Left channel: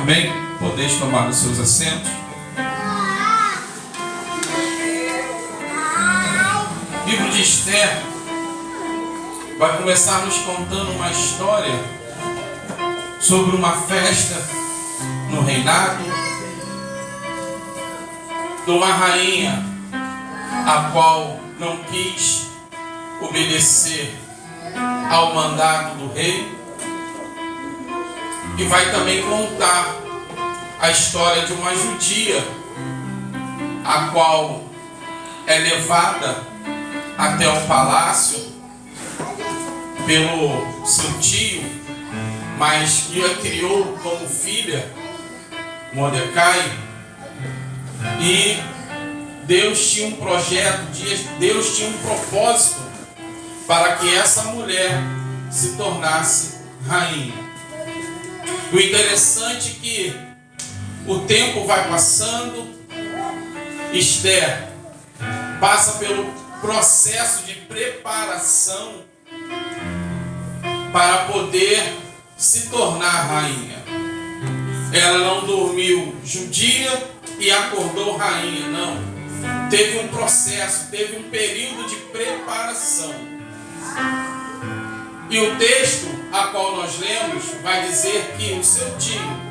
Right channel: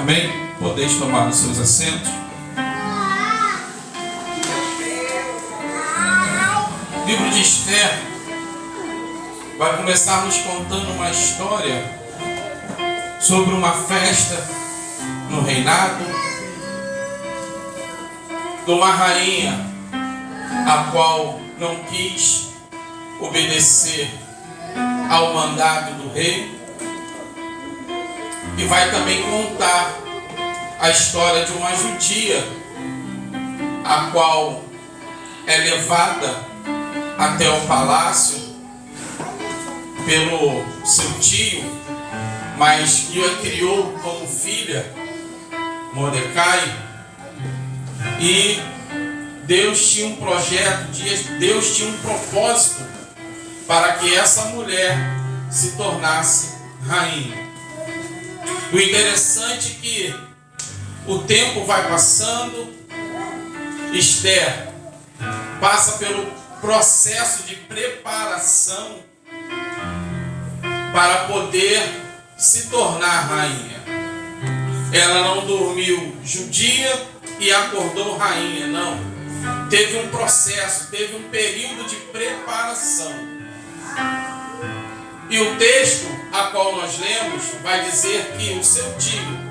Amém? Podeis tomar os seus assentos. O livro de Esther vai começar nos contando uma história sobre uma festa no reinado de uma rainha a qual não quis obedecer ao mandato do rei. E vai também contar a história de uma judia a qual é levada até o palácio pelo seu tio, mas que a criou como filha, Mordecai. E Deus tinha um projeto, Deus tinha um propósito para que essa mulher se tornasse rainha. O interessante é que o tempo vai passando, Esther passa pelo processo de preparação para poder se tornar rainha. Ela não dormiu judia e acordou rainha, não. Teve um processo, teve um período de preparação. E o texto a qual nós lemos vai dizer que o seu tio,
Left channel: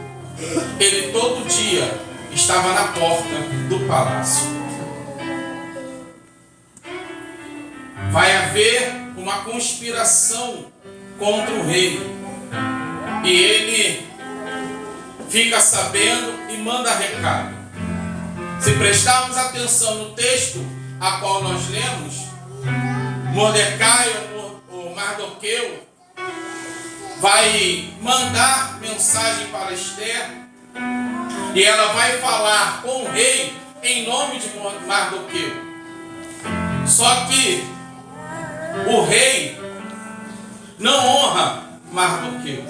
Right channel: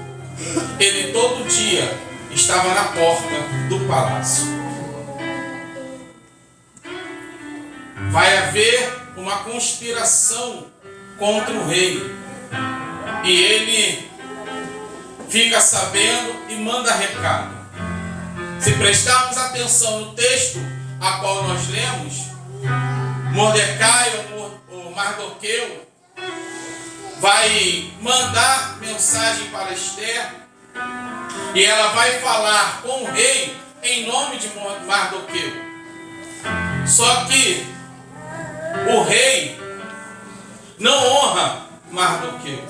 ele todo dia estava na porta do palácio. Vai haver uma conspiração contra o rei. E ele fica sabendo e manda recado. Se prestarmos atenção no texto a qual nós lemos, Mordecai, o Mardoqueu, vai mandar mensagem para Esther e ela vai falar com o rei em nome de Mardoqueu. Só que o rei não honra Mardoqueu.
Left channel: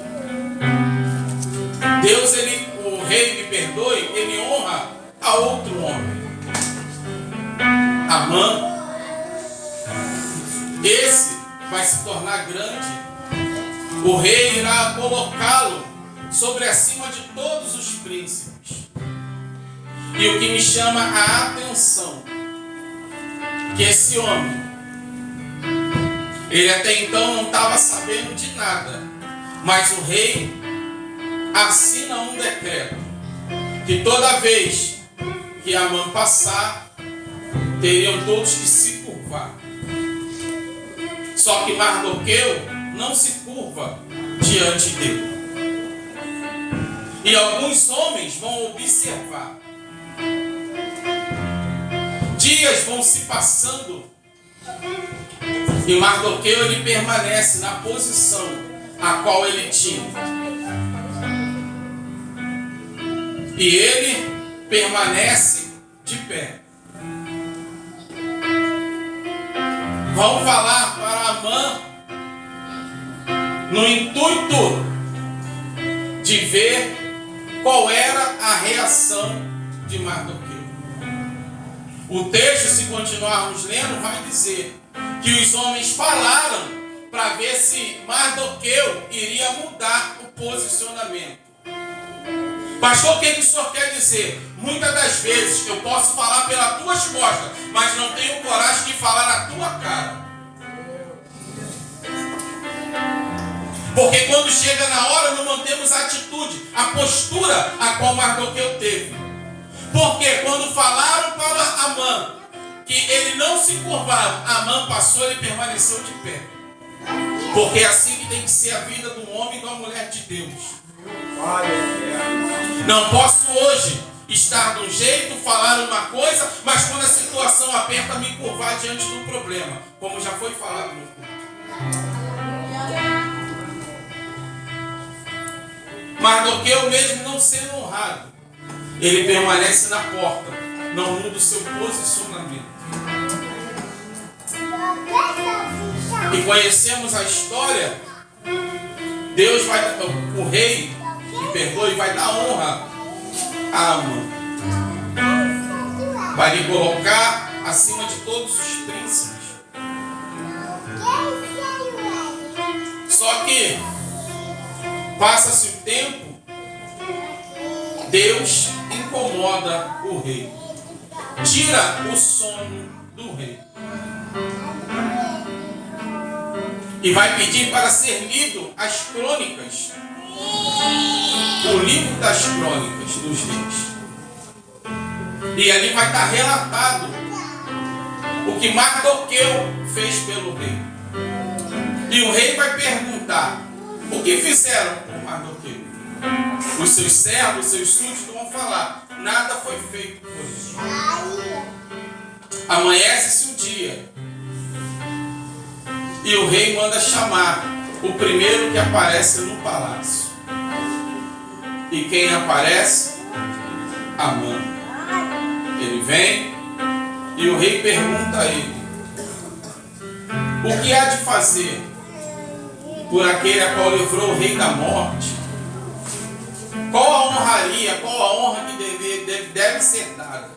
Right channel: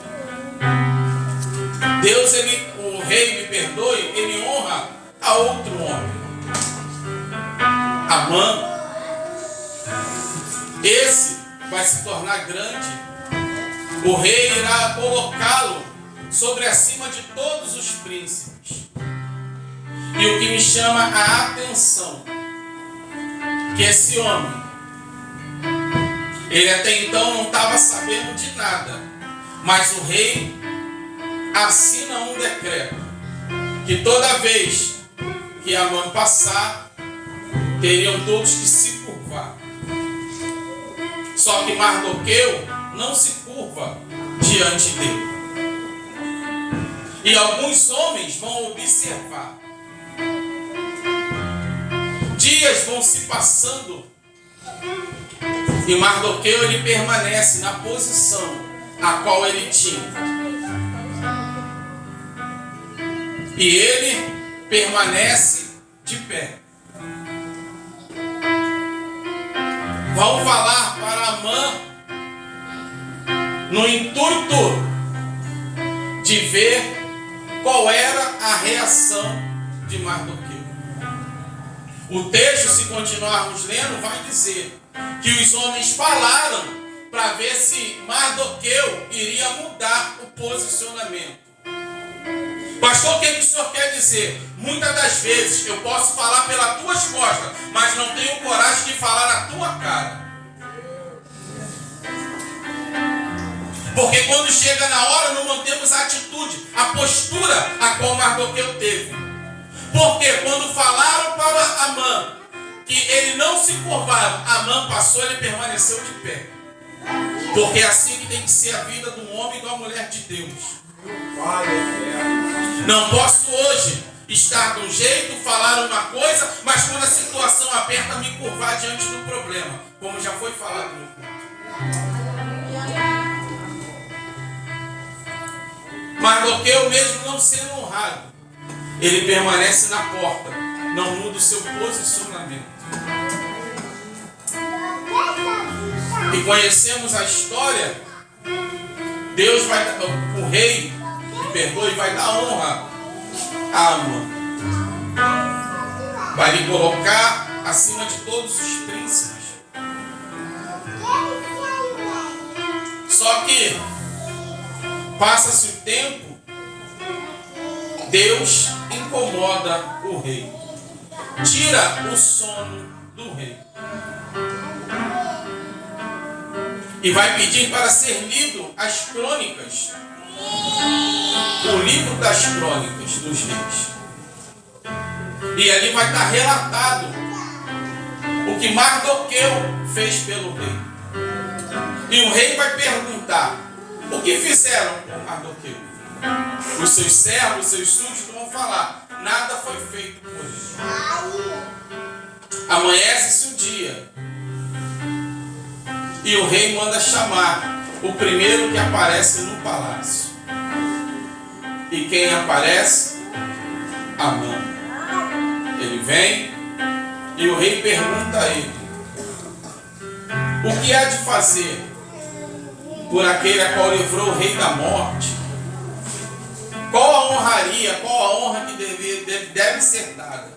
O rei, me perdoe, ele honra a outro homem, Amã. Esse vai se tornar grande. O rei irá colocá-lo sobre acima de todos os príncipes. E o que me chama a atenção, que esse homem, ele até então não estava sabendo de nada, mas o rei assina um decreto que toda vez que Amã passar, teriam todos que se curvar. Só que Mardoqueu não se curva diante dele. E alguns homens vão observar. Dias vão se passando e Mardoqueu ele permanece na posição a qual ele tinha. E ele permanece de pé. Vão falar para Amã no intuito de ver qual era a reação de Mardoqueu. O texto, se continuarmos lendo, vai dizer que os homens falaram para ver se Mardoqueu iria mudar o posicionamento. Pastor, o que o senhor quer dizer? Muitas das vezes eu posso falar pelas tuas costas, mas não tenho coragem de falar na tua cara. Porque quando chega na hora não mantemos a atitude, a postura a qual Mardoqueu teve. Porque quando falaram para Amã que ele não se curvava, Amã passou e ele permaneceu de pé. Porque é assim que tem que ser a vida do homem e da mulher de Deus. Não posso hoje estar de um jeito, falar uma coisa, mas quando a situação aperta, me curvar diante do problema, como já foi falado no culto. Mardoqueu, mesmo não sendo honrado, ele permanece na porta, não muda o seu posicionamento. E conhecemos a história. Deus vai, o rei, me perdoe, vai dar honra a Amã. Vai lhe colocar acima de todos os príncipes. Só que passa-se o tempo Deus incomoda o rei, tira o sono do rei e vai pedir para ser lido as crônicas, o livro das crônicas dos reis. E ali vai estar relatado o que Mardoqueu fez pelo rei. E o rei vai perguntar: o que fizeram com Mardoqueu? Os seus servos, os seus súditos vão falar: nada foi feito por ele. Amanhece-se o dia e o rei manda chamar o primeiro que aparece no palácio. E quem aparece? Amã. Ele vem e o rei pergunta a ele: o que há de fazer por aquele a qual livrou o rei da morte? Qual a honraria, qual a honra que deve ser dada?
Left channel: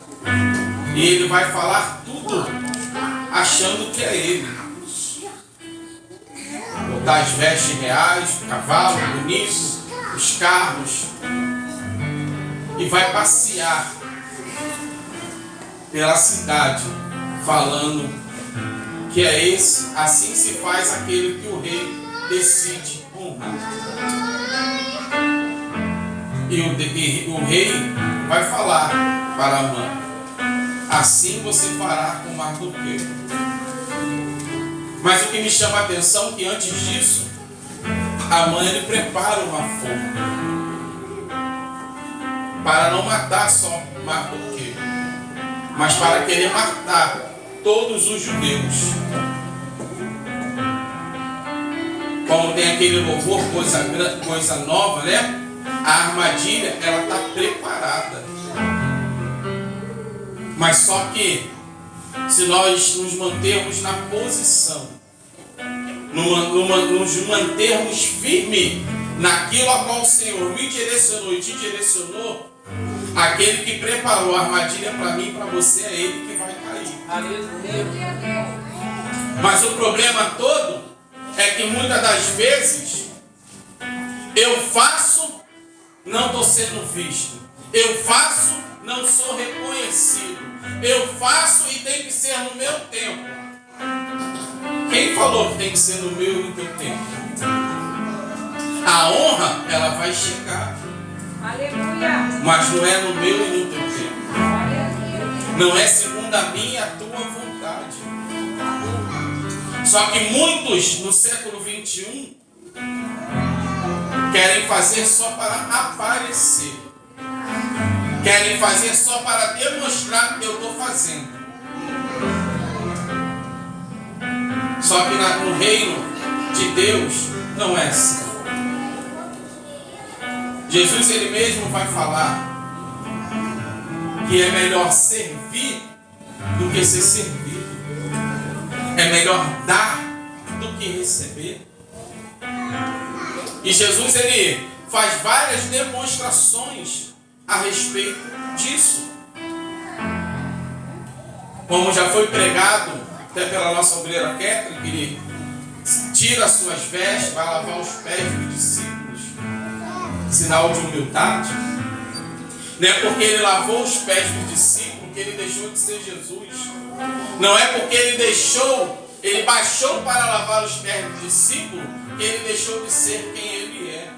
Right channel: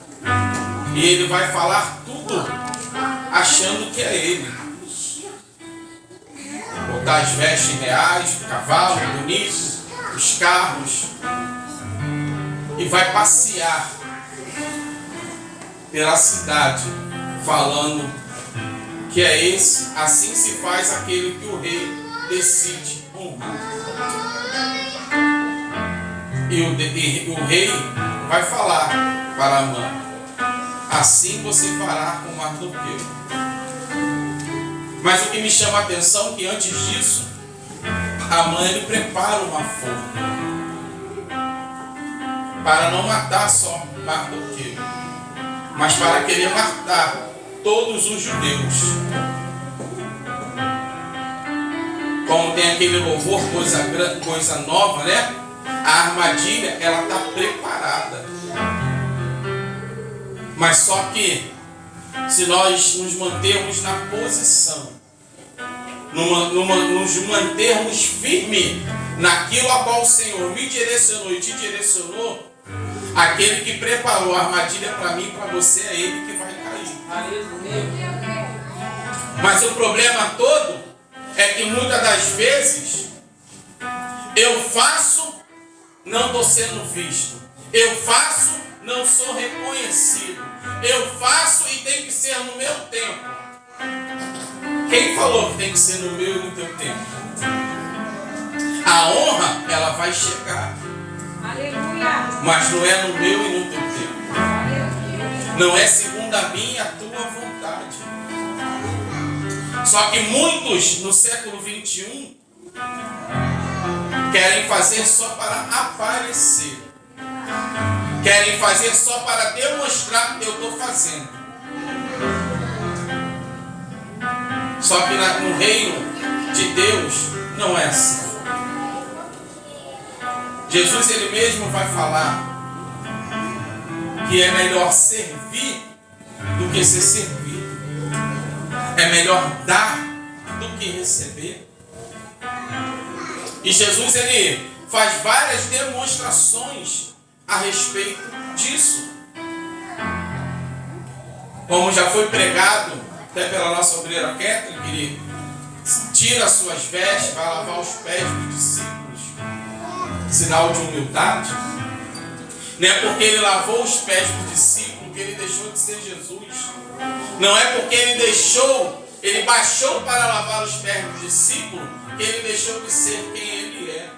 E ele vai falar tudo achando que é ele. Botar as vestes reais, o cavalo bonito, os carros, e vai passear pela cidade falando que é esse, assim se faz aquele que o rei decide honrar. E o rei vai falar para Amã: assim você fará com Mardoqueu. Mas o que me chama a atenção é que antes disso, Amã ele prepara uma forma para não matar só Mardoqueu, mas para querer matar todos os judeus. Como tem aquele louvor, coisa nova, né? A armadilha, ela está preparada. Mas só que, se nós nos mantermos na posição, nos mantermos firmes naquilo a qual o Senhor me direcionou e te direcionou, aquele que preparou a armadilha para mim e para você é ele que vai cair. Mas o problema todo é que muitas das vezes eu faço, não estou sendo visto. Eu faço, não sou reconhecido. Eu faço e tem que ser no meu tempo. Quem falou que tem que ser no meu e no teu tempo? A honra, ela vai chegar. Aleluia. Mas não é no meu e no teu tempo. Não é segundo a minha e a tua vontade. Só que muitos no século 21 querem fazer só para aparecer. Querem fazer só para demonstrar que eu estou fazendo. Só que no reino de Deus não é assim. Jesus ele mesmo vai falar que é melhor servir do que ser servido. É melhor dar do que receber. E Jesus ele faz várias demonstrações a respeito disso. Como já foi pregado até pela nossa obreira Kathleen, que ele tira as suas vestes, vai lavar os pés dos discípulos, sinal de humildade. Não é porque ele lavou os pés dos discípulos que ele deixou de ser Jesus. Não é porque ele baixou para lavar os pés dos discípulos que ele deixou de ser quem ele é.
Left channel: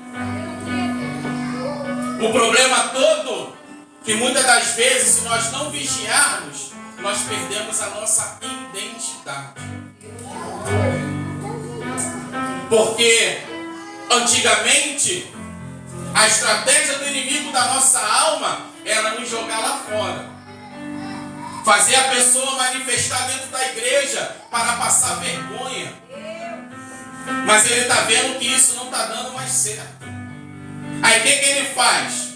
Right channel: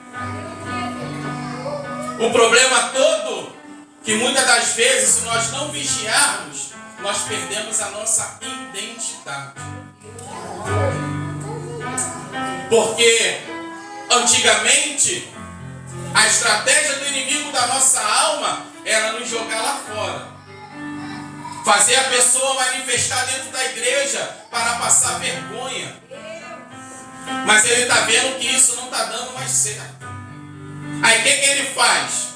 O problema todo, que muitas das vezes, se nós não vigiarmos, nós perdemos a nossa identidade. Porque, antigamente, a estratégia do inimigo da nossa alma era nos jogar lá fora. Fazer a pessoa manifestar dentro da igreja para passar vergonha. Mas ele está vendo que isso não está dando mais certo. Aí o que ele faz?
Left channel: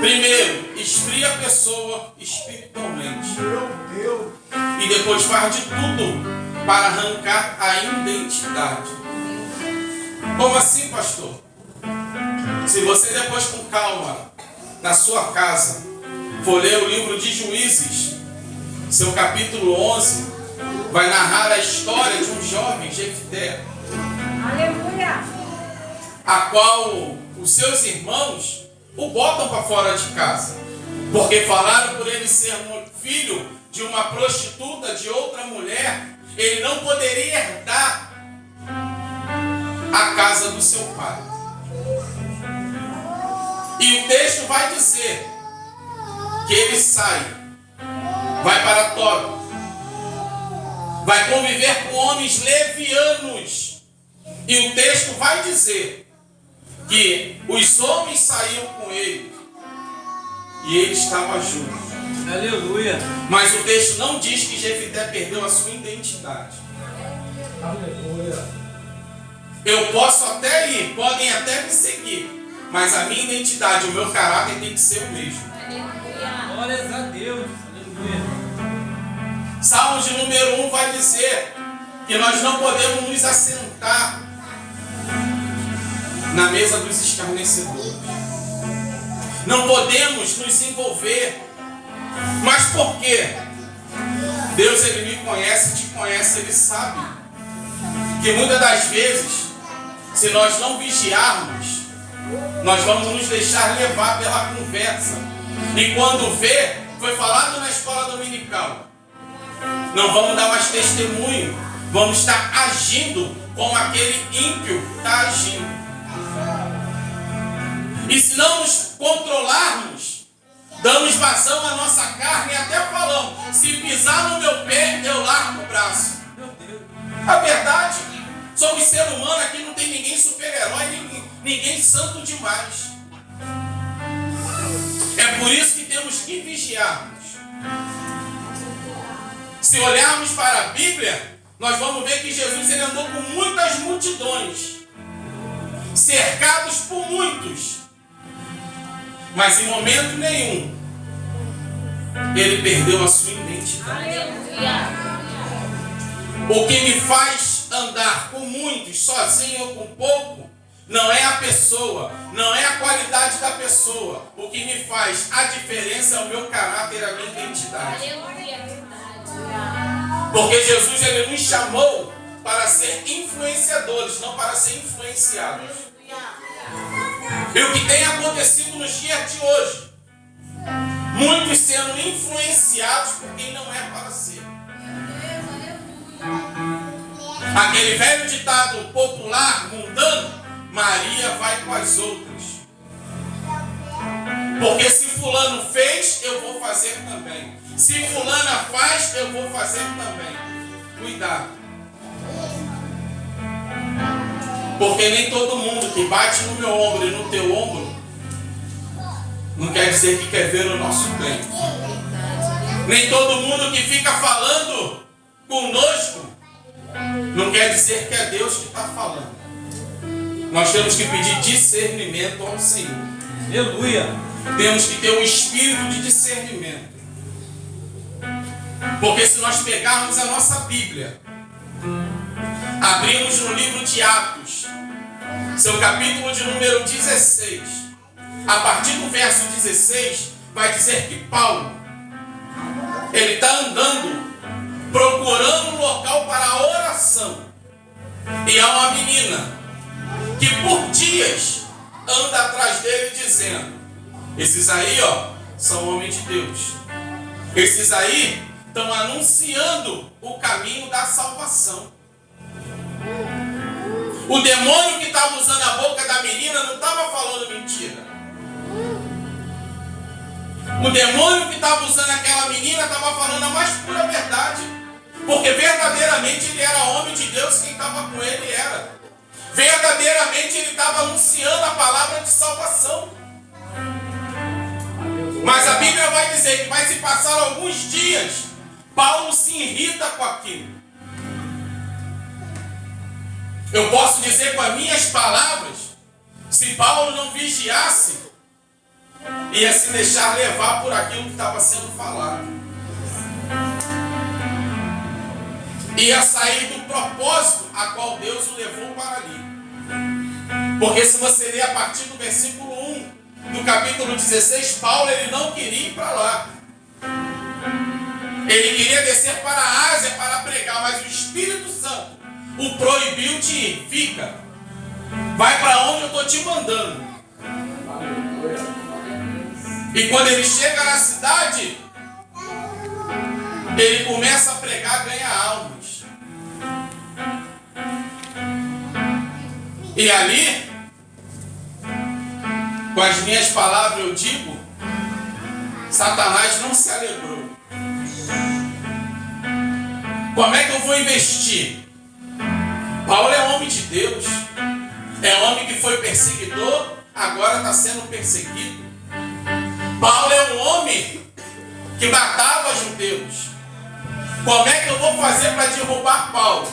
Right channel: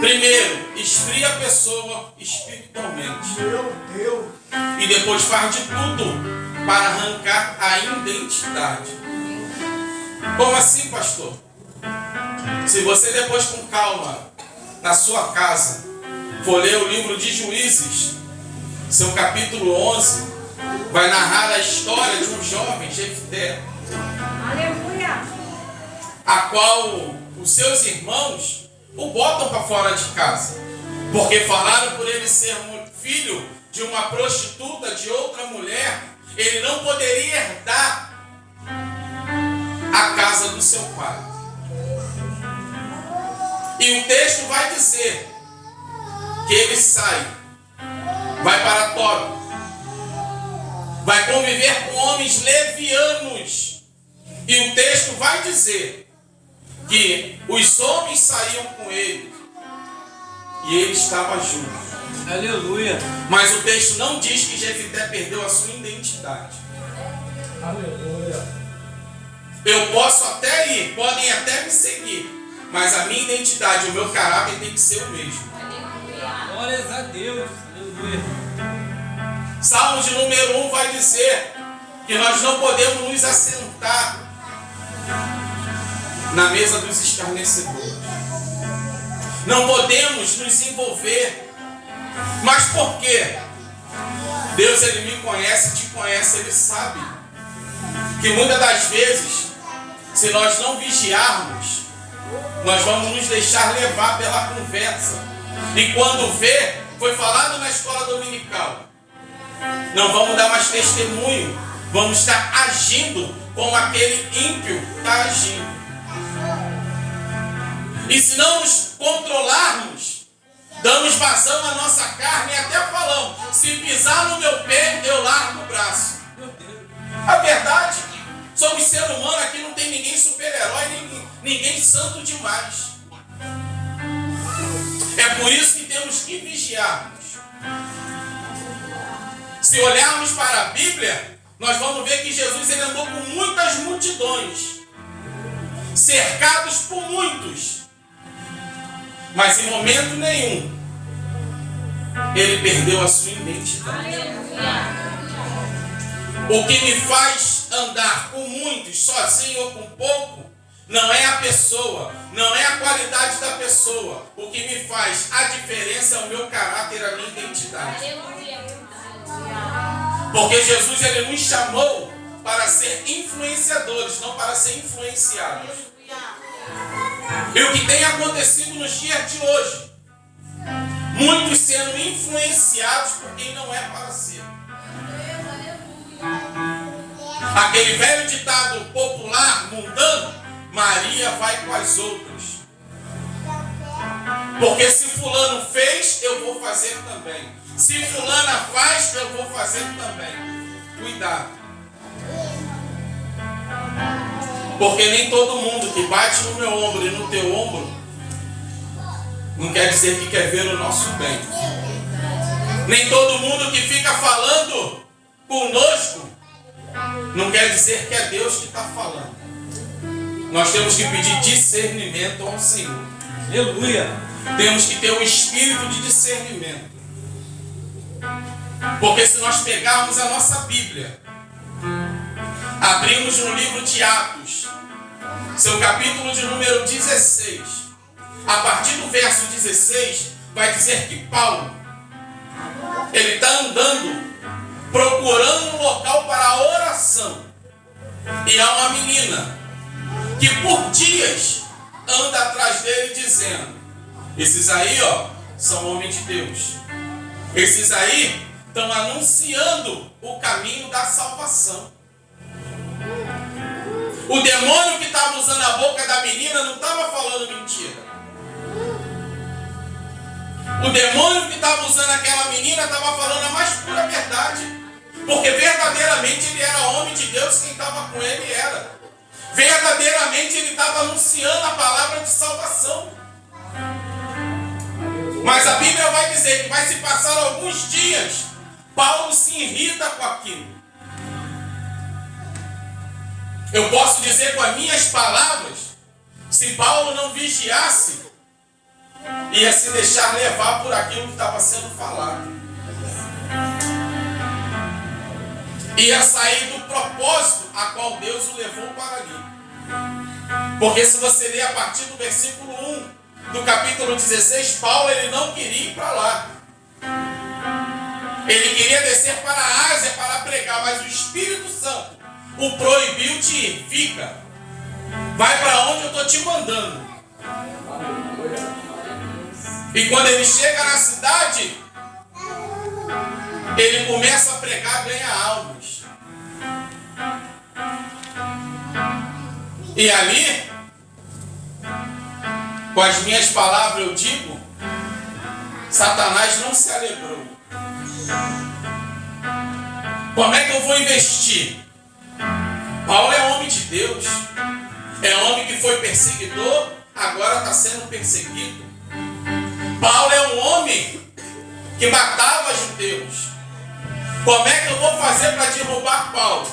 Primeiro, esfria a pessoa espiritualmente. E depois faz de tudo para arrancar a identidade. Como assim, pastor? Se você depois com calma, na sua casa, for ler o livro de Juízes, seu capítulo 11, vai narrar a história de um jovem, Jefté. Aleluia! A qual os seus irmãos o botam para fora de casa. Porque falaram por ele ser filho de uma prostituta, de outra mulher, ele não poderia herdar a casa do seu pai. E o texto vai dizer que ele sai, vai para Tobi, vai conviver com homens levianos. E o texto vai dizer que os homens saíam com ele e ele estava junto. Aleluia. Mas o texto não diz que Jefité perdeu a sua identidade. Aleluia. Eu posso até ir, podem até me seguir, mas a minha identidade, o meu caráter tem que ser o mesmo. Glórias a Deus. Aleluia. Salmo de número 1 vai dizer que nós não podemos nos assentar na mesa dos escarnecedores. Não podemos nos envolver. Mas por quê? Deus, ele me conhece, te conhece, ele sabe que muitas das vezes, se nós não vigiarmos, nós vamos nos deixar levar pela conversa. E quando vê, foi falado na escola dominical, não vamos dar mais testemunho, vamos estar agindo como aquele ímpio está agindo. E se não nos controlarmos, damos vazão à nossa carne e até falamos, se pisar no meu pé, eu largo o braço. A verdade, somos ser humano, aqui não tem ninguém super-herói, ninguém santo demais. É por isso que temos que vigiarmos. Se olharmos para a Bíblia, nós vamos ver que Jesus ele andou com muitas multidões, cercados por muitos, mas em momento nenhum ele perdeu a sua identidade. O que me faz andar com muitos, sozinho ou com pouco, não é a pessoa, não é a qualidade da pessoa. O que me faz a diferença é o meu caráter, a minha identidade. Porque Jesus ele nos chamou para ser influenciadores, não para ser influenciados. E o que tem acontecido nos dias de hoje? Muitos sendo influenciados por quem não é para ser. Aquele velho ditado popular, mundano, Maria vai com as outras. Porque se fulano fez, eu vou fazer também. Se fulana faz, eu vou fazer também. Cuidado. Porque nem todo mundo que bate no meu ombro e no teu ombro não quer dizer que quer ver o nosso bem. Nem todo mundo que fica falando conosco não quer dizer que é Deus que está falando. Nós temos que pedir discernimento ao Senhor. Aleluia. Temos que ter um espírito de discernimento. Porque se nós pegarmos a nossa Bíblia, abrimos no livro de Atos, seu capítulo de número 16, a partir do verso 16, vai dizer que Paulo, ele está andando, procurando um local para a oração. E há uma menina que por dias anda atrás dele dizendo, esses aí, ó, são homens de Deus. Esses aí estão anunciando o caminho da salvação. O demônio que estava usando a boca da menina não estava falando mentira. O demônio que estava usando aquela menina estava falando a mais pura verdade. Porque verdadeiramente ele era homem de Deus, quem estava com ele era. Verdadeiramente ele estava anunciando a palavra de salvação. Mas a Bíblia vai dizer que vai se passar alguns dias, Paulo se irrita com aquilo. Eu posso dizer com as minhas palavras, se Paulo não vigiasse, ia se deixar levar por aquilo que estava sendo falado. Ia sair do propósito a qual Deus o levou para ali. Porque se você ler a partir do versículo 1 do capítulo 16, Paulo ele não queria ir para lá. Ele queria descer para a Ásia para pregar, mas o Espírito Santo o proibiu de ir. Fica. Vai para onde eu estou te mandando. E quando ele chega na cidade, ele começa a pregar, ganha almas. E ali, com as minhas palavras eu digo, Satanás não se alegrou. Como é que eu vou investir? Paulo é homem de Deus. É homem que foi perseguidor, agora está sendo perseguido. Paulo é um homem que matava judeus. Como é que eu vou fazer para derrubar Paulo?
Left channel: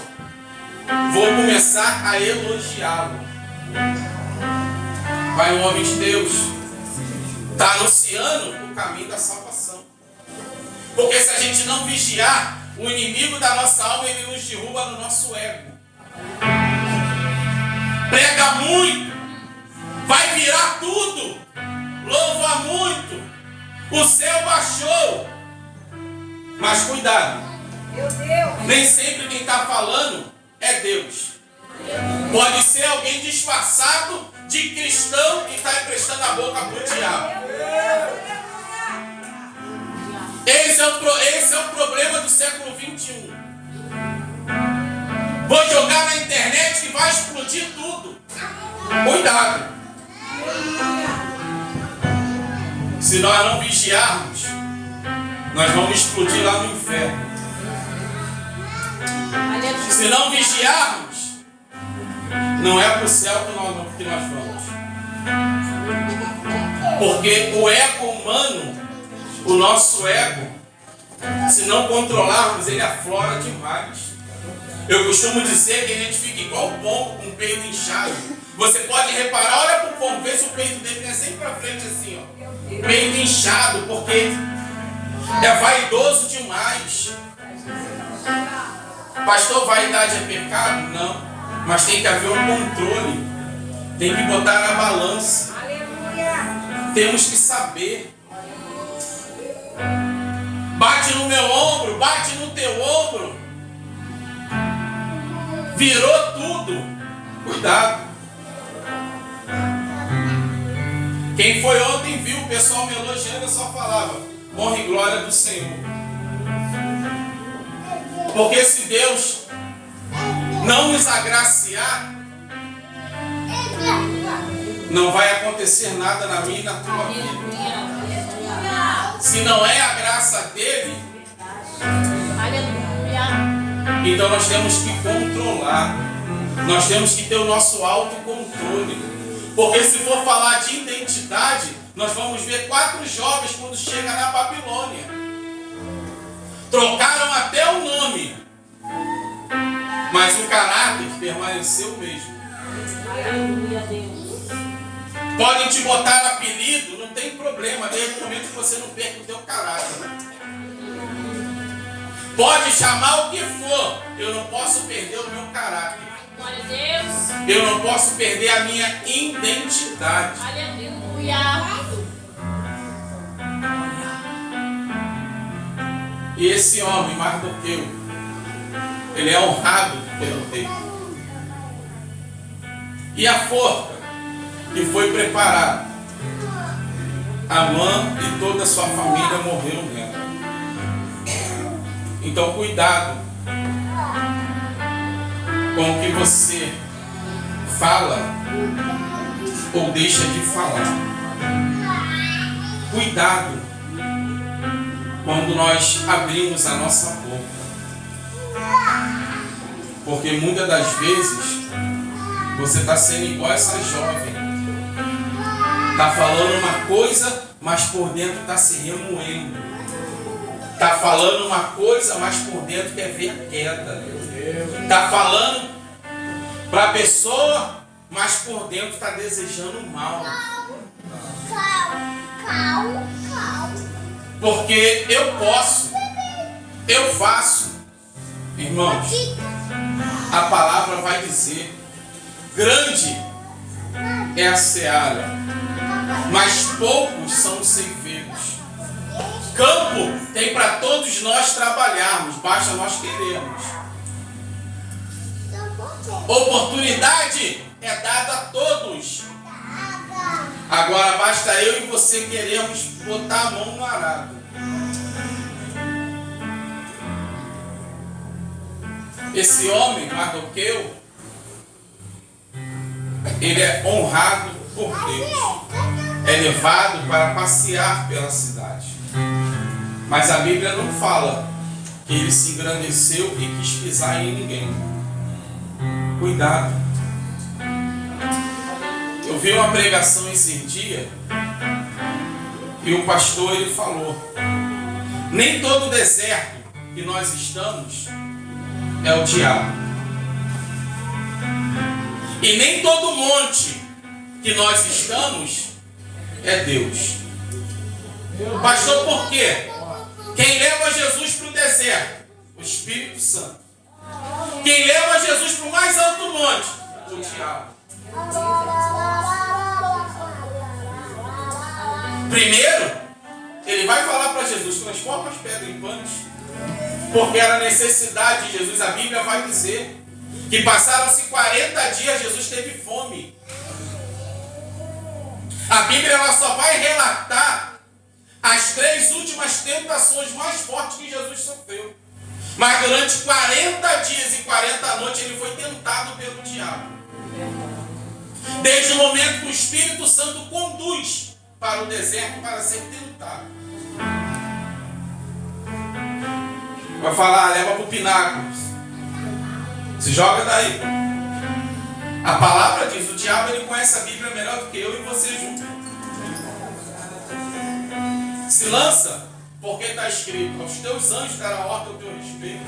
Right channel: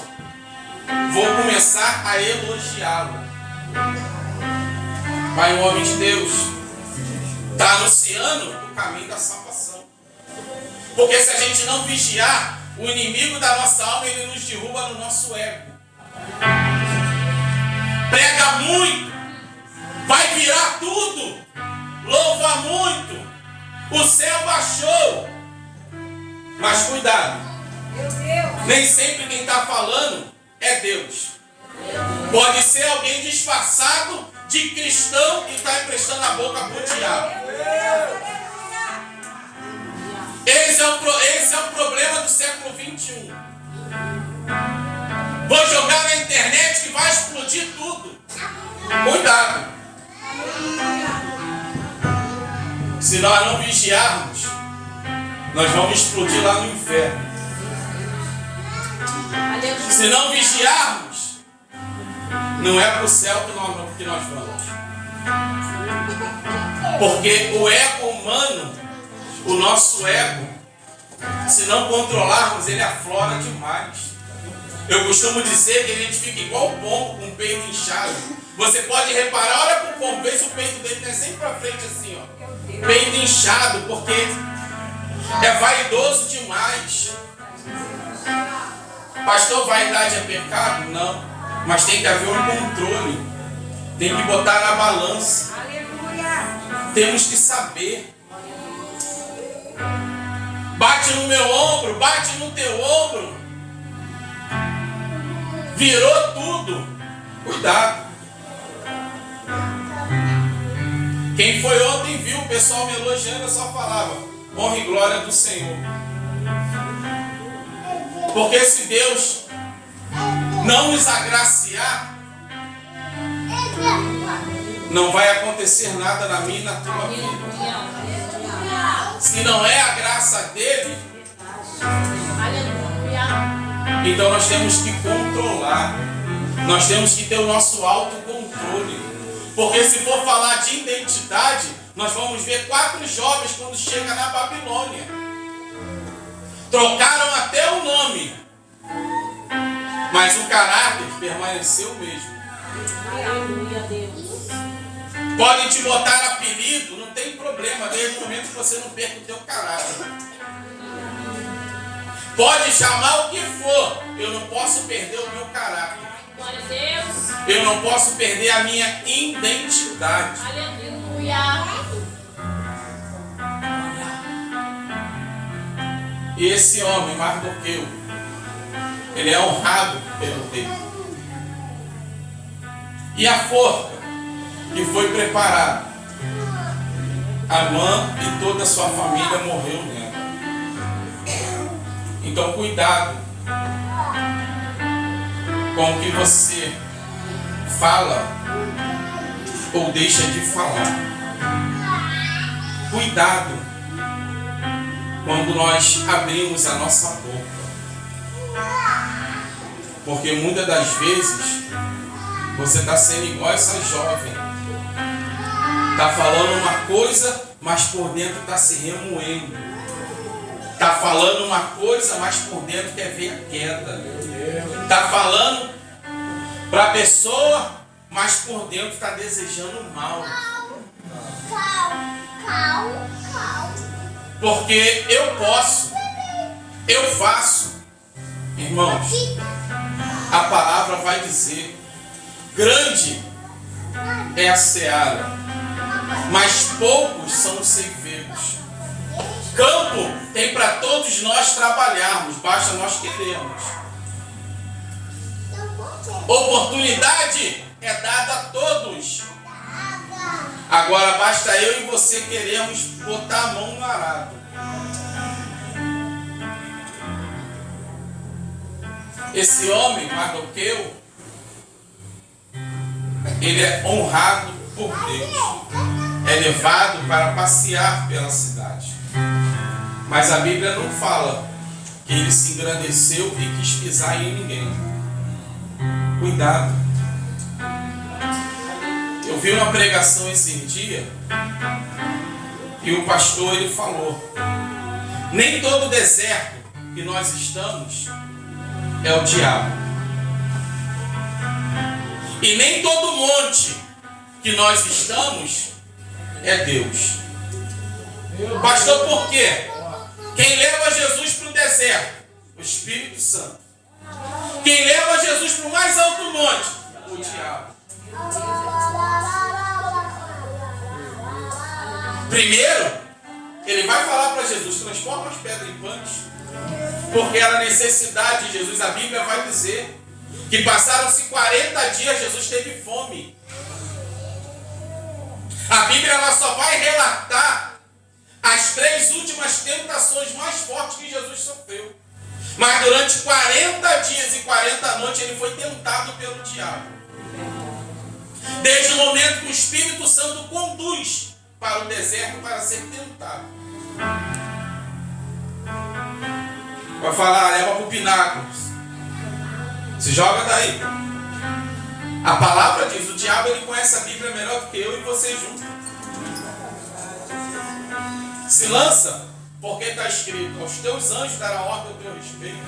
Vou começar a elogiá-lo. Pai, um homem de Deus está anunciando o caminho da salvação. Porque se a gente não vigiar, o inimigo da nossa alma, ele nos derruba no nosso ego. Prega muito, vai virar tudo, louva muito, o céu baixou. Mas cuidado, nem sempre quem está falando é Deus. Pode ser alguém disfarçado de cristão que está emprestando a boca para o diabo. Esse é o problema do século 21. Vou jogar na internet que vai explodir tudo. Cuidado. Se nós não vigiarmos, nós vamos explodir lá no inferno. Se não vigiarmos, não é para o céu que nós vamos. Porque o ego humano, o nosso ego, se não controlarmos, ele aflora demais. Eu costumo dizer que a gente fica igual o pombo, com o peito inchado. Você pode reparar, olha para o pombo, vê se o peito dele não é sempre para frente assim, ó. Peito inchado, porque é vaidoso demais. Pastor, vaidade é pecado? Não. Mas tem que haver um controle. Tem que botar na balança. Temos que saber. Bate no meu ombro, bate no teu ombro. Virou tudo. Cuidado. Quem foi ontem viu o pessoal me elogiando, eu só falava: honra e glória do Senhor. Porque se Deus não nos agraciar, não vai acontecer nada na minha e na tua vida. Se não é a graça dele, então nós temos que controlar. Nós temos que ter o nosso autocontrole. Porque se for falar de identidade, nós vamos ver 4 jovens quando chegam na Babilônia. Trocaram até o nome, mas o caráter permaneceu o mesmo. Podem te botar apelido, não tem problema, desde o momento que você não perca o teu caráter. Pode chamar o que for, eu não posso perder o meu caráter. Eu não posso perder a minha identidade. E esse homem, Mardoqueu, ele é honrado pelo rei. E a forca que foi preparada, Amã e toda a sua família morreu nela. Então cuidado com o que você fala ou deixa de falar. Cuidado quando nós abrimos a nossa boca. Porque muitas das vezes você está sendo igual essa jovem. Está falando uma coisa, mas por dentro está se remoendo. Está falando uma coisa, mas por dentro quer ver a queda. Está falando para a pessoa, mas por dentro está desejando mal. Porque eu posso, eu faço. Irmãos, a palavra vai dizer: grande é a seara, mas poucos são os ceifeiros. Campo tem para todos nós trabalharmos, basta nós queremos. Oportunidade é dada a todos. Agora basta eu e você queremos botar a mão no arado. Esse homem, Mardoqueu, ele é honrado por Deus. É levado para passear pela cidade. Mas a Bíblia não fala que ele se engrandeceu e quis pisar em ninguém. Cuidado. Eu vi uma pregação esse dia e o pastor ele falou: nem todo deserto que nós estamos é o diabo. E nem todo monte que nós estamos é Deus. Pastor, por quê? Quem leva Jesus para o deserto? O Espírito Santo. Quem leva Jesus para o mais alto monte? O diabo. Primeiro, ele vai falar para Jesus: transforma as pedras em pães. Porque era necessidade de Jesus. A Bíblia vai dizer que passaram-se 40 dias, Jesus teve fome. A Bíblia ela só vai relatar as 3 últimas tentações mais fortes que Jesus sofreu. Mas durante 40 dias e 40 noites ele foi tentado pelo diabo. Desde o momento que o Espírito Santo conduz para o deserto para ser tentado. Vai falar, leva para o pináculo. Se joga daí. A palavra diz, o diabo ele conhece a Bíblia melhor do que eu e você junto. Se lança, porque está escrito: aos teus anjos dará ordem ao teu respeito.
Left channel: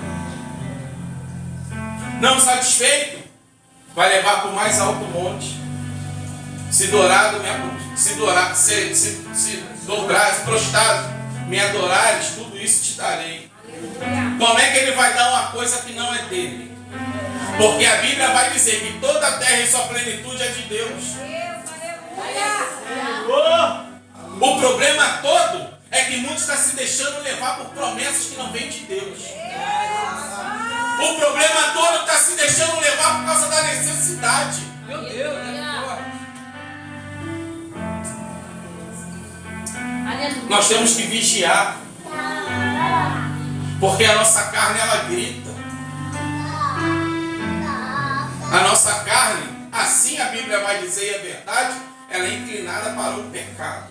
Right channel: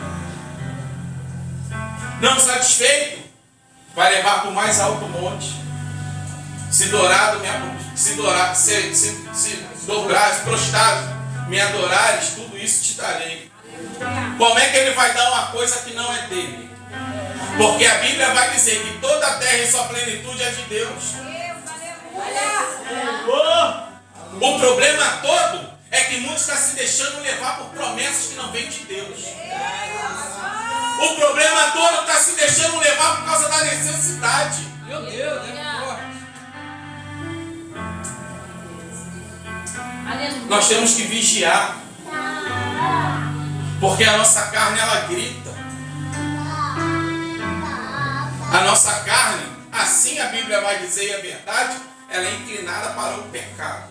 Não satisfeito, vai levar para o mais alto monte. Se dobrares, prostrados, me adorares, tudo isso te darei. Como é que ele vai dar uma coisa que não é dele? Porque a Bíblia vai dizer que toda a terra e sua plenitude é de Deus. O problema todo é que muitos estão se deixando levar por promessas que não vêm de Deus. O problema todo está se deixando levar por causa da necessidade. Meu Deus, Nós temos que vigiar. Porque a nossa carne ela grita. A nossa carne, assim a Bíblia vai dizer, e é verdade, ela é inclinada para o pecado.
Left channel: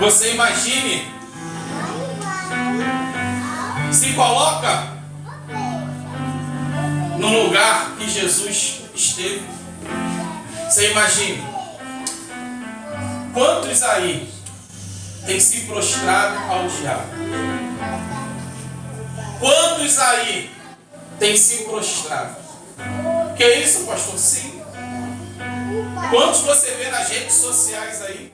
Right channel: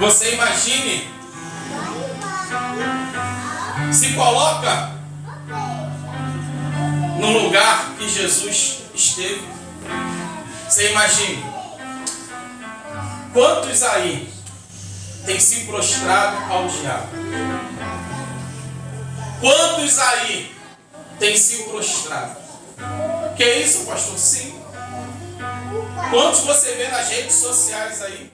Você imagine, se coloca no lugar que Jesus esteve. Você imagine, quantos aí têm se prostrado ao diabo? Quantos aí têm se prostrado? Que isso, pastor? Sim. Quantos você vê nas redes sociais aí?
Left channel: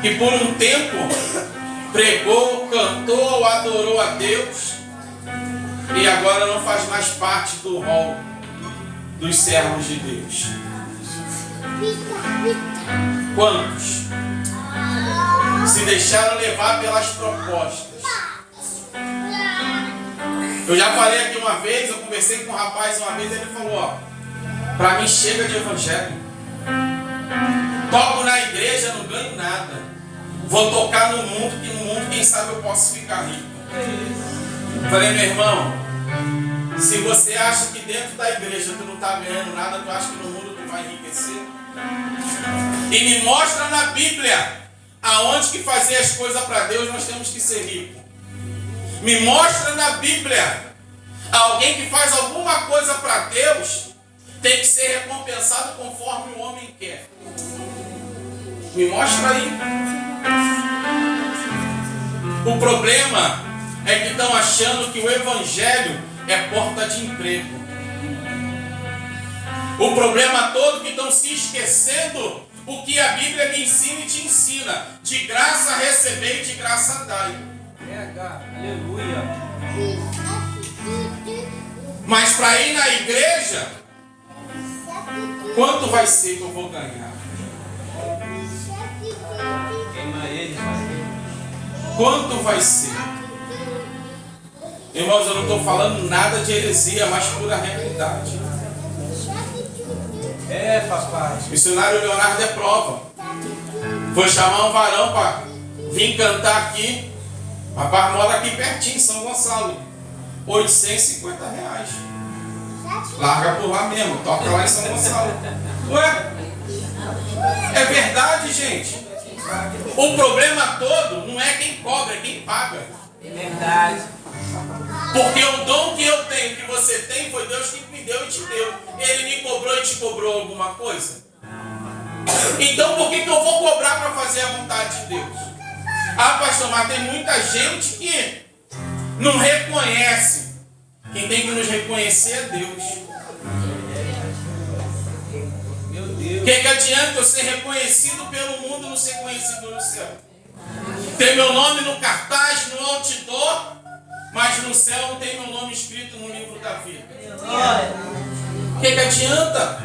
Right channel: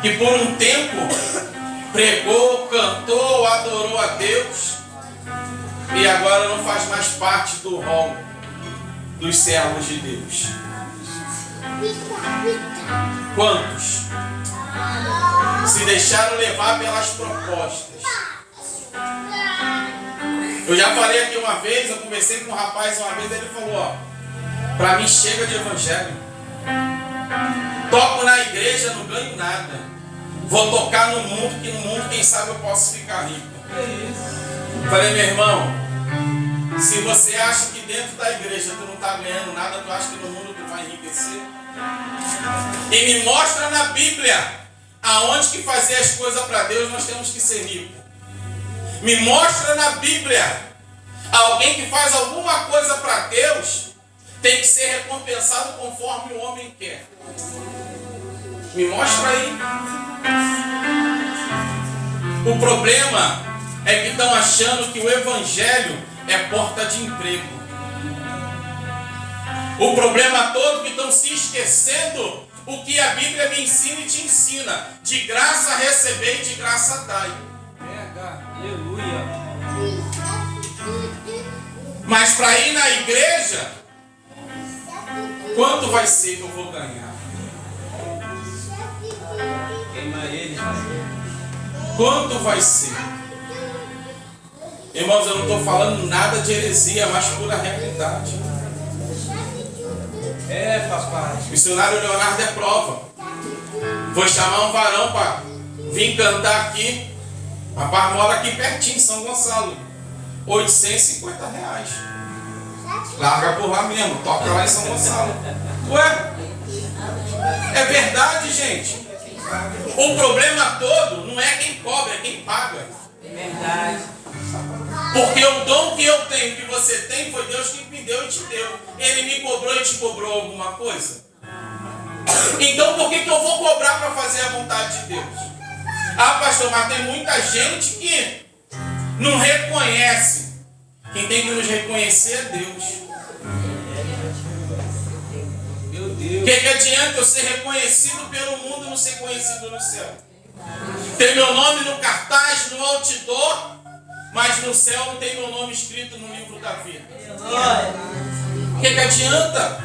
Que por um tempo pregou, cantou, adorou a Deus e agora não faz mais parte do rol dos servos de Deus. Quantos se deixaram levar pelas propostas? Eu já falei aqui uma vez, eu conversei com um rapaz uma vez, ele falou: ó, pra mim chega de evangelho. Toco na igreja, não ganho nada. Vou tocar no mundo, que no mundo, quem sabe, eu posso ficar rico. Falei: meu irmão, se você acha que dentro da igreja tu não está ganhando nada, tu acha que no mundo tu vai enriquecer? E me mostra na Bíblia aonde que fazer as coisas para Deus nós temos que ser ricos. Me mostra na Bíblia alguém que faz alguma coisa para Deus tem que ser recompensado conforme o homem quer. Me mostra aí. O problema é que estão achando que o evangelho é porta de emprego. O problema todo é que estão se esquecendo o que a Bíblia me ensina e te ensina. De graça receber e de graça dai. aleluia. Mas para ir na igreja, quanto vai ser que eu vou ganhar? Queima eles. Quanto vai ser? Irmãos, eu não estou falando nada de heresia, mas pura realidade. papai. O missionário Leonardo é prova. Foi chamar um varão para vir cantar aqui. Rapaz, mora aqui pertinho, em São Gonçalo. R$850. Larga por lá mesmo, toca lá em São Gonçalo. Ué? É verdade, gente. O problema todo não é quem cobra, é quem paga. É verdade. Porque o dom que eu tenho, que você tem, foi Deus que me deu e te deu. Ele me cobrou e te cobrou alguma coisa? Então por que eu vou cobrar para fazer a vontade de Deus? Ah, pastor, mas tem muita gente que não reconhece. Quem tem que nos reconhecer é Deus. Meu O Deus. que adianta eu ser reconhecido pelo mundo e não ser conhecido no céu? Tem meu nome no cartaz, no outdoor, mas no céu não tem meu nome escrito no livro da vida. O que adianta?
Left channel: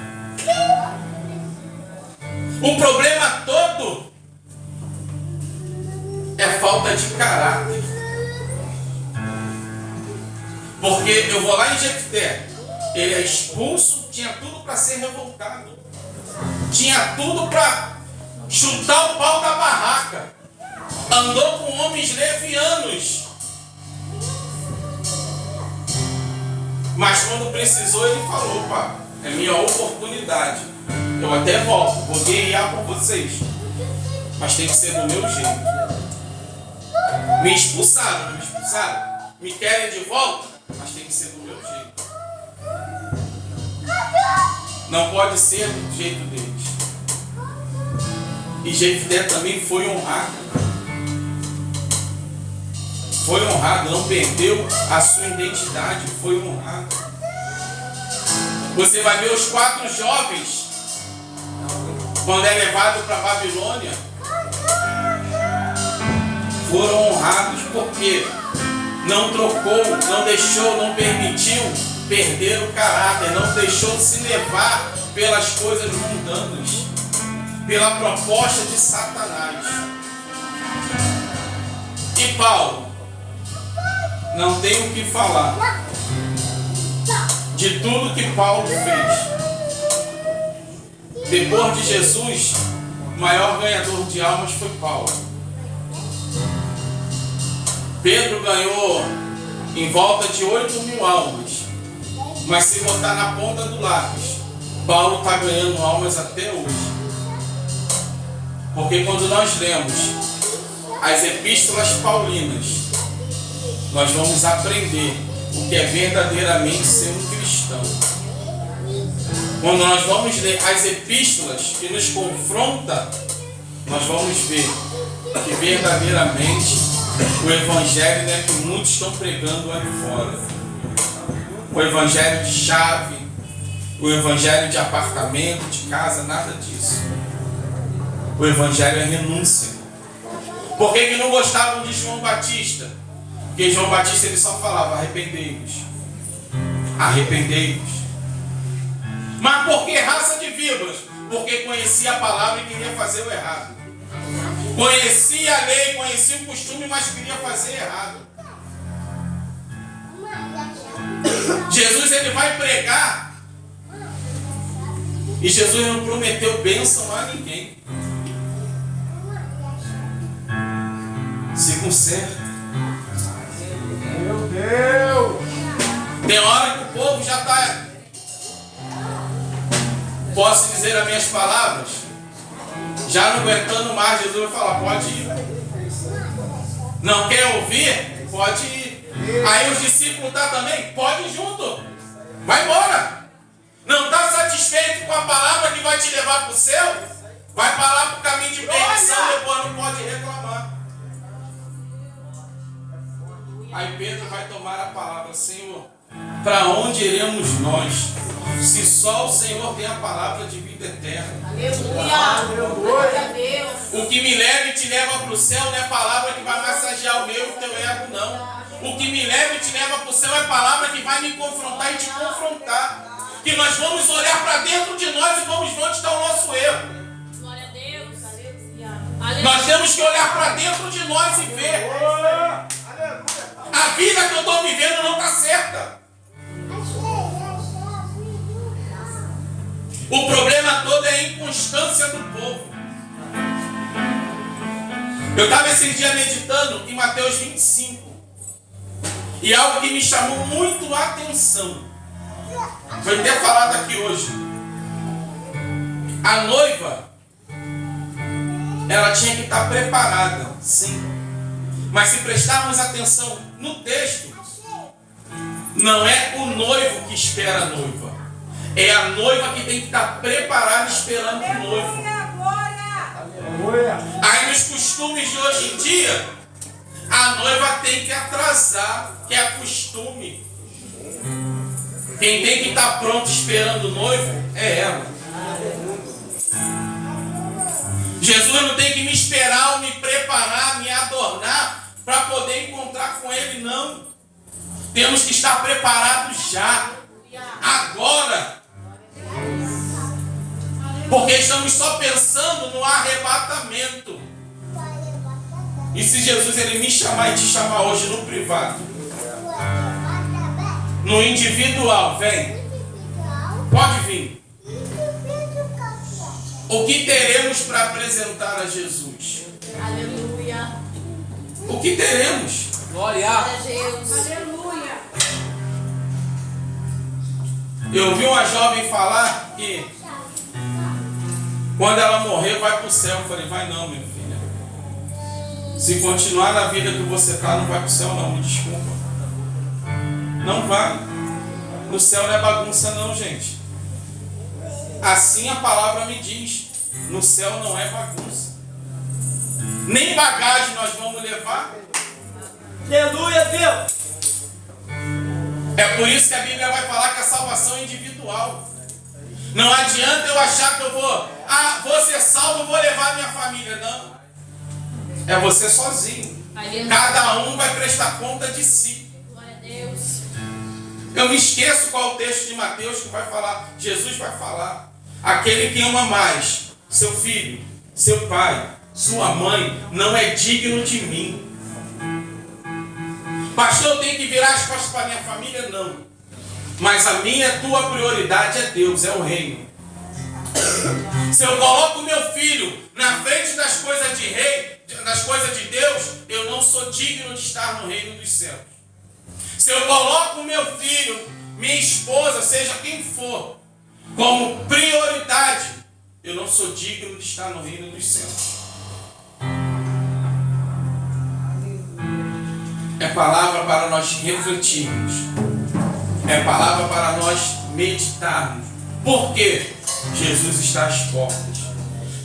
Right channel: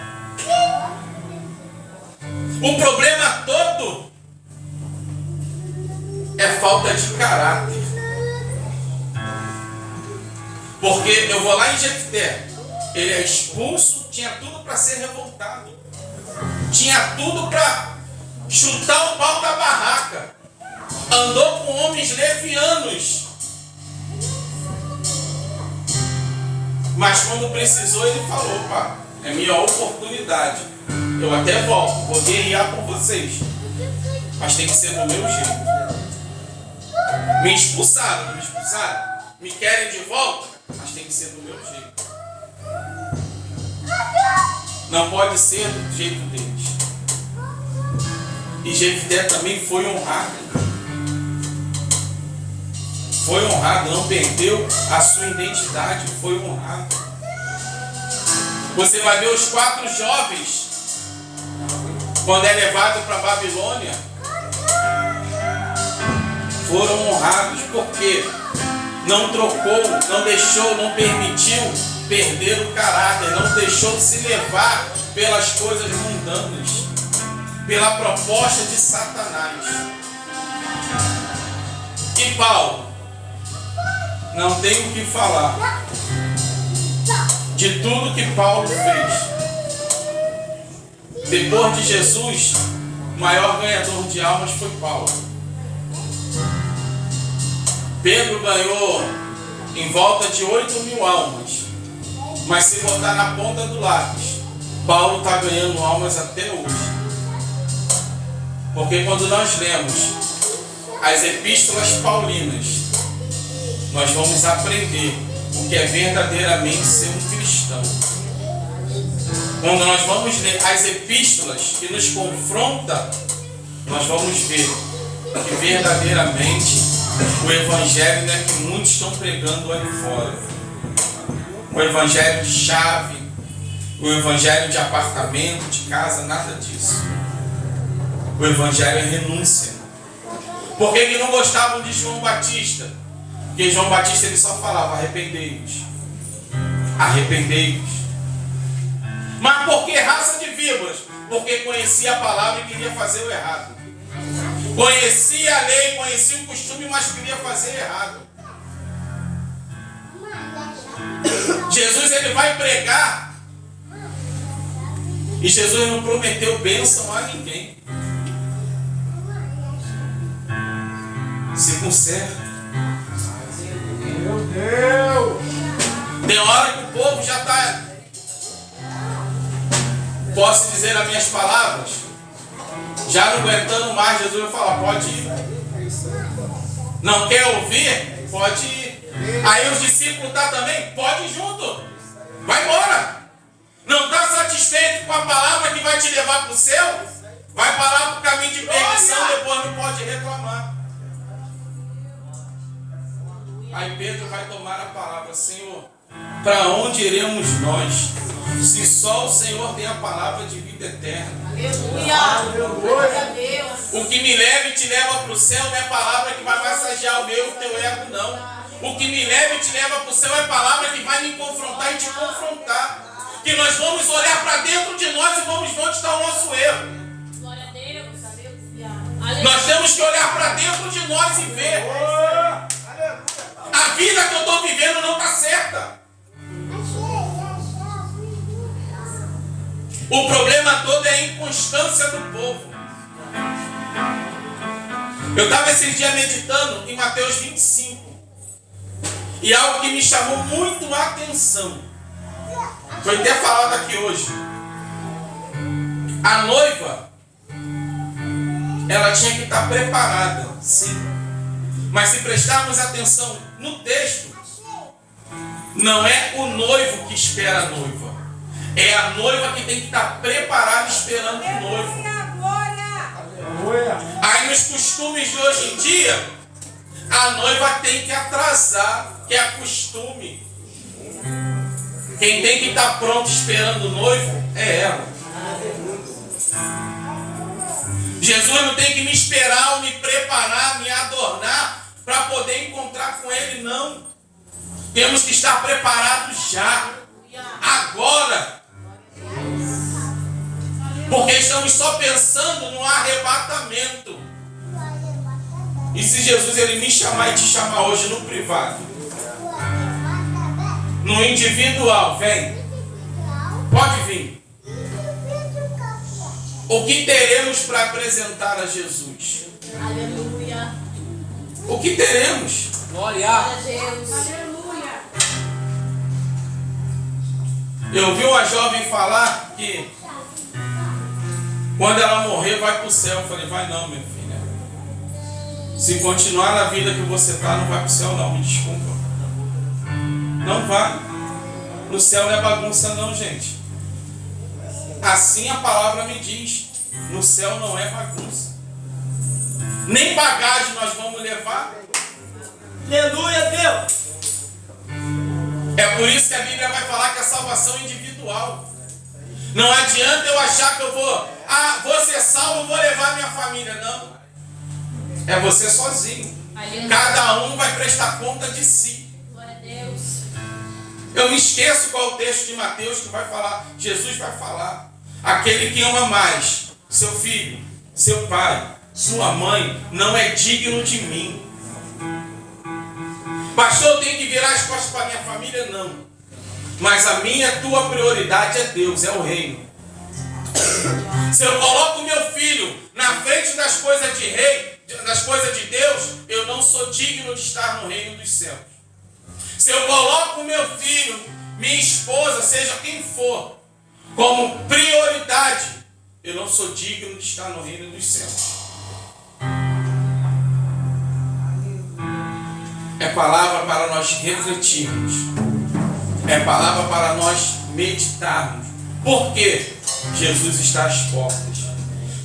O problema todo é falta de caráter. Porque eu vou lá em Jefté, ele é expulso, tinha tudo para ser revoltado. Tinha tudo para chutar o pau da barraca. Andou com homens levianos. Mas quando precisou, ele falou: pá, é minha oportunidade. Eu até volto, vou guerrear por vocês. Mas tem que ser do meu jeito. Me expulsaram, não me expulsaram? Me querem de volta? Mas tem que ser do meu jeito. Não pode ser do jeito deles. E Jefté também foi honrado. Foi honrado, não perdeu a sua identidade, foi honrado. Você vai ver os 4 jovens, quando é levado para a Babilônia, foram honrados porque não trocou, não deixou, não permitiu perder o caráter, não deixou se levar pelas coisas mundanas, pela proposta de Satanás. E Paulo, não tem o que falar de tudo que Paulo fez. Depois de Jesus, o maior ganhador de almas foi Paulo. Pedro ganhou em volta de 8.000 almas. Mas se botar na ponta do lápis, Paulo está ganhando almas até hoje. Porque quando nós lemos as epístolas paulinas, nós vamos aprender o que é verdadeiramente ser um cristão. Quando nós vamos ler as epístolas que nos confrontam, nós vamos ver que verdadeiramente o evangelho não é que muitos estão pregando lá fora. O evangelho de chave, o evangelho de apartamento, de casa, nada disso. O evangelho é renúncia. Por que não gostavam de João Batista? Porque João Batista ele só falava: arrependei-vos, arrependei-vos. Mas por que raça de víboras? Porque conhecia a palavra e queria fazer o errado. Conhecia a lei, conhecia o costume, mas queria fazer errado. Jesus ele vai pregar e Jesus não prometeu bênção a ninguém. Se conserta. Meu Deus. Tem hora que o povo já está. Posso dizer as minhas palavras? Já não aguentando mais, Jesus vai falar: pode ir. Não quer ouvir? Pode ir. Aí os discípulos estão também? Pode ir junto. Vai embora. Não está satisfeito com a palavra que vai te levar para o céu? Vai parar para o caminho de perdição, depois não pode reclamar. Aí Pedro vai tomar a palavra: Senhor, para onde iremos nós? Se só o Senhor tem a palavra de vida eterna. Aleluia. O que me leva e te leva para o céu não é palavra que vai massagear o meu e o teu ego, não. O que me leva e te leva para o céu é palavra que vai me confrontar e te confrontar. Que nós vamos olhar para dentro de nós e vamos ver onde está o nosso erro. Glória a Deus. Nós temos que olhar para dentro de nós e ver. A vida que eu estou vivendo não está certa. O problema todo é a inconstância do povo. Eu estava esse dia meditando em Mateus 25. E algo que me chamou muito a atenção. Foi até falado aqui hoje. A noiva, ela tinha que estar preparada, sim. Mas se prestarmos atenção no texto, não é o noivo que espera a noiva. É a noiva que tem que estar preparada esperando o noivo. Aí nos costumes de hoje em dia, a noiva tem que atrasar, que é costume. Quem tem que estar pronto esperando o noivo é ela. Jesus não tem que me esperar ou me preparar, me adornar para poder encontrar com Ele, não. Temos que estar preparados já, agora. Porque estamos só pensando no arrebatamento. E se Jesus ele me chamar e te chamar hoje no privado, no individual, vem. Pode vir. O que teremos para apresentar a Jesus? Aleluia. O que teremos? Glória. Glória a Deus. Aleluia. Eu vi uma jovem falar que quando ela morrer vai para o céu. Eu falei, vai não, minha filha. Se continuar na vida que você está, não vai para o céu não, me desculpa. Não vai. No céu não é bagunça não, gente. Assim a palavra me diz. No céu não é bagunça. Nem bagagem nós vamos levar. Aleluia, Deus. É por isso que a Bíblia vai falar que a salvação é individual. Não adianta eu achar que eu vou ser salvo, vou levar minha família. Não. É você sozinho. Cada um vai prestar conta de si. Glória a Deus. Eu me esqueço qual é o texto de Mateus que vai falar. Jesus vai falar. Aquele que ama mais seu filho, seu pai, sua mãe, não é digno de mim. Pastor, eu tenho que virar as costas para minha família? Não. Mas a minha, tua prioridade é Deus, é o reino. Se eu coloco o meu filho na frente das coisas de rei, das coisas de Deus, eu não sou digno de estar no reino dos céus. Se eu coloco o meu filho, minha esposa, seja quem for, como prioridade, eu não sou digno de estar no reino dos céus. É palavra para nós refletirmos. É palavra para nós meditarmos. Por quê? Jesus está às portas.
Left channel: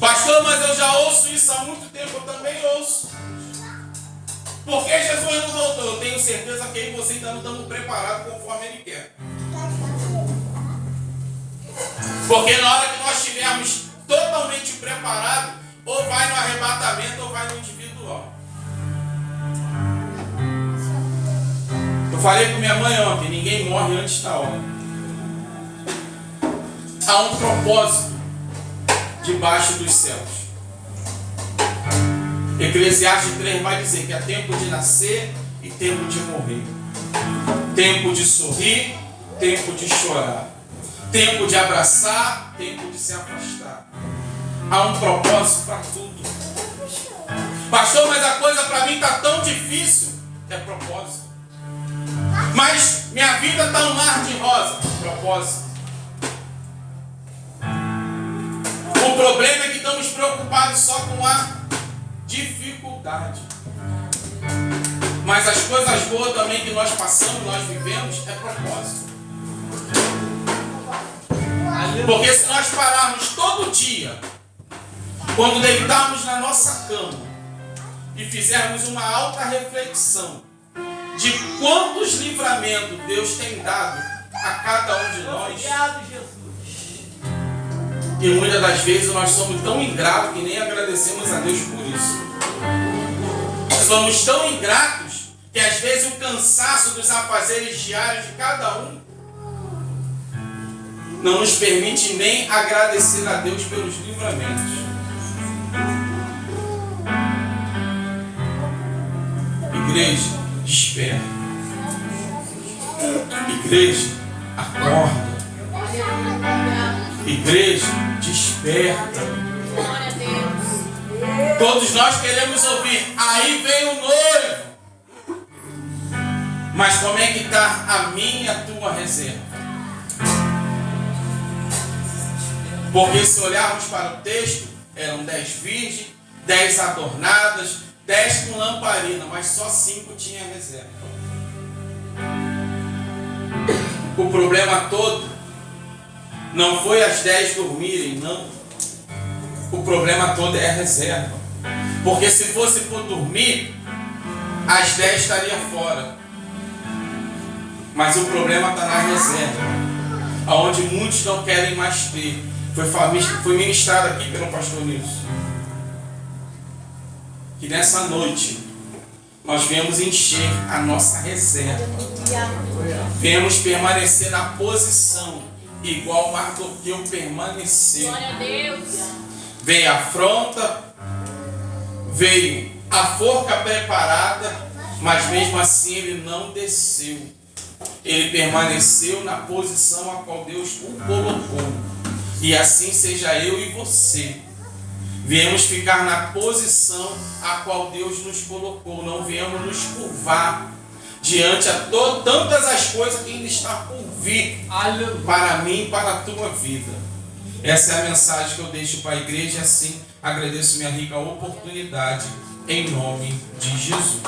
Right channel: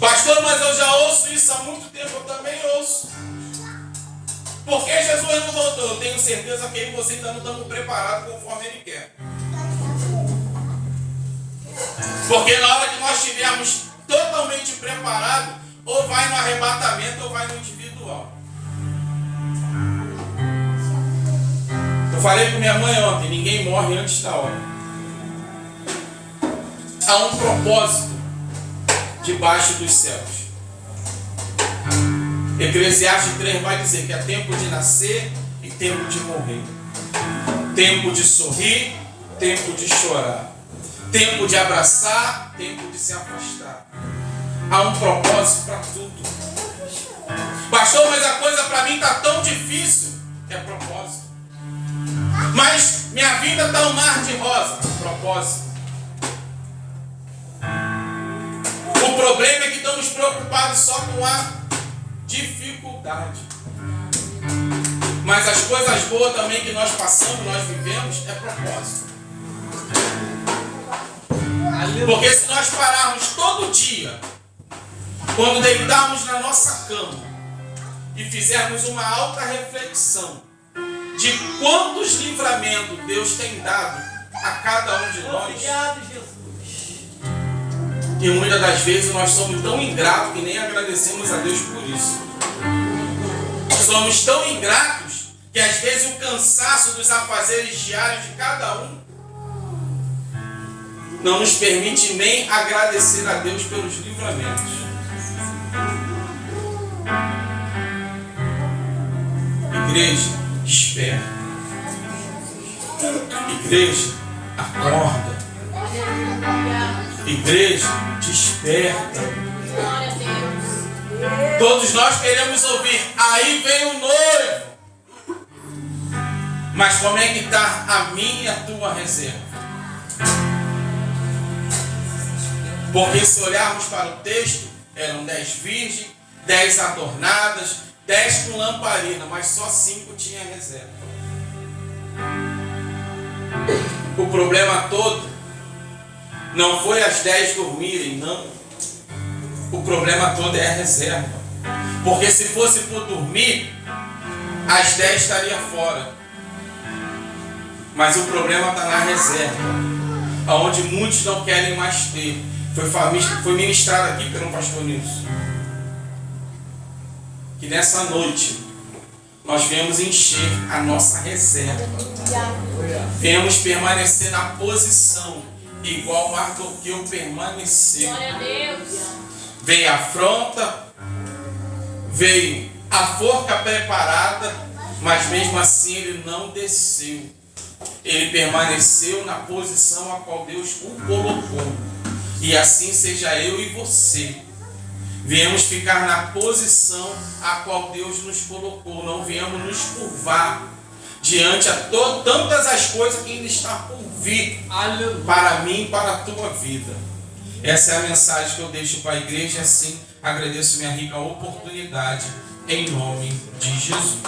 Pastor, mas eu já ouço isso há muito tempo. Eu também ouço. Por que Jesus não voltou? Eu tenho certeza que eu e você ainda não estamos preparados conforme Ele quer. Porque na hora que nós estivermos totalmente preparados, ou vai no arrebatamento ou vai no individual. Eu falei com minha mãe ontem, ninguém morre antes da hora. Há um propósito debaixo dos céus. Eclesiastes 3 vai dizer que é tempo de nascer e tempo de morrer. Tempo de sorrir, tempo de chorar. Tempo de abraçar, tempo de se afastar. Há um propósito para tudo. Pastor, mas a coisa para mim está tão difícil. É propósito. Mas minha vida está um mar de rosa. Propósito. O problema é que estamos preocupados só com a dificuldade. Mas as coisas boas também que nós passamos, nós vivemos, é propósito. Porque se nós pararmos todo dia, quando deitarmos na nossa cama e fizermos uma alta reflexão de quantos livramentos Deus tem dado a cada um de nós, e muitas das vezes nós somos tão ingratos que nem agradecemos a Deus por isso. Somos tão ingratos que às vezes o cansaço dos afazeres diários de cada um não nos permite nem agradecer a Deus pelos livramentos. Igreja, desperta. Igreja, acorda. Igreja, desperta. Glória a Deus. Todos nós queremos ouvir, aí vem o noivo. Mas como é que está a minha e a tua reserva? Porque se olharmos para o texto, eram 10 virgens, 10 adornadas, 10 com lamparina, mas só 5 tinha reserva. O problema todo não foi as 10 dormirem, não. O problema todo é a reserva. Porque se fosse por dormir, as 10 estariam fora. Mas o problema está na reserva, aonde muitos não querem mais ter. Foi ministrado aqui pelo pastor Nilson, que nessa noite nós viemos encher a nossa reserva. Viemos permanecer na posição igual Mardoqueu permaneceu. Glória a Deus. Veio a afronta, veio a forca preparada, mas mesmo assim ele não desceu. Ele permaneceu na posição a qual Deus o colocou. E assim seja eu e você. Viemos ficar na posição a qual Deus nos colocou. Não viemos nos curvar diante a tantas as coisas que ainda está por vir para mim e para a tua vida. Essa é a mensagem que eu deixo para a igreja. Assim agradeço minha rica oportunidade em nome de Jesus.